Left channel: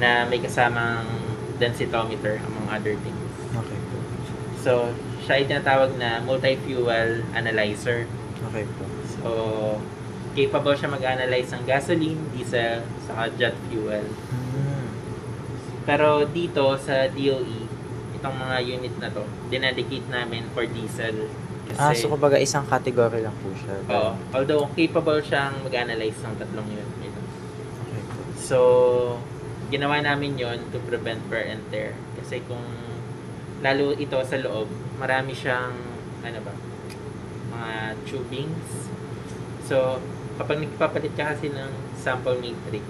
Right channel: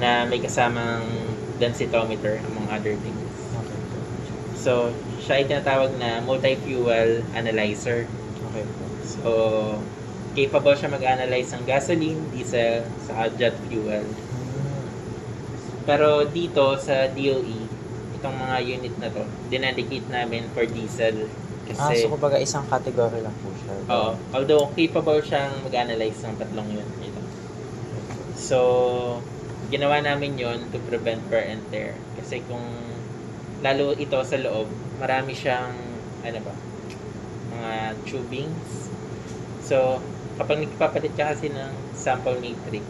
na may kasamang densitometer among other things. Okay po. So, siya ay tinatawag na multi-fuel analyzer. Okay po. So, capable siya mag-analyze ng gasoline, diesel, saka jet fuel. Pero dito sa DOE, itong mga unit na to, dinedicate namin for diesel. Kasi, So kumbaga isang category lang po siya. oo, although capable siyang mag-analyze ng tatlong unit nito. Okay po. So, ginawa namin yon to prevent wear and tear. Kasi kung lalo ito sa loob, marami siyang, ano ba, mga tubings. So, kapag nagpapalit ka kasi ng sample matrix,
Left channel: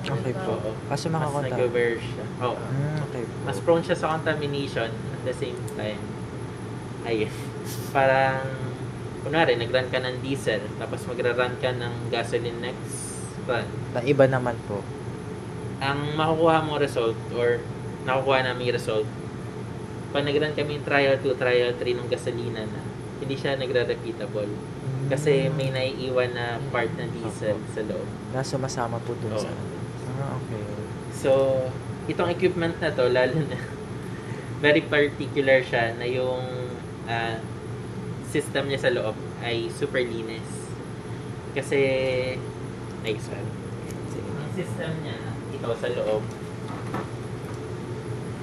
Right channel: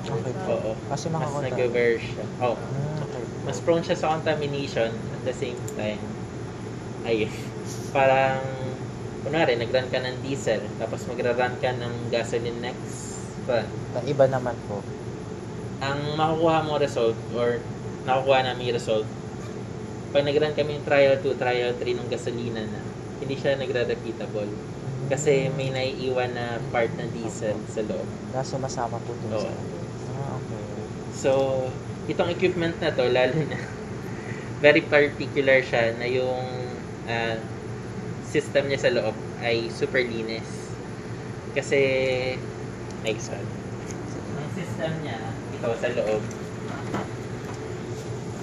Okay po. oo, Kasi mas makakonta. nag-wear siya. Oo. Okay po. Mas prone siya sa contamination at the same time. Ayun. Parang, kunwari, nag-run ka ng diesel, tapos magra-run ka ng gasoline next run. Iba naman po. Ang makukuha mo result or nakukuha namin result, pag nag-run kami yung trial 2, trial 3 ng gasolina na, hindi siya nagre-repeatable. Kasi may naiiwan na part ng diesel sa loob. Na sumasama po dun Oo. sa... okay. So, itong equipment na to, lalo na, very particular siya na yung system niya sa loob ay super linis. Kasi, next one. Ang system niya, ito sa loob,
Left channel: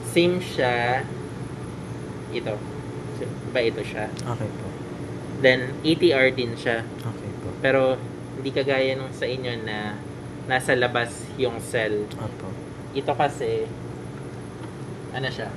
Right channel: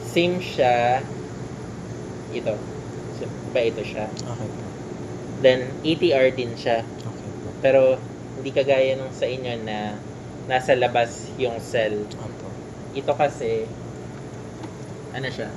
same siya, ito. Iba ito siya. Okay po. Then, ATR din siya. Okay po. Pero, hindi kagaya nung sa inyo na nasa labas yung cell. Opo. Ito kasi, ano siya,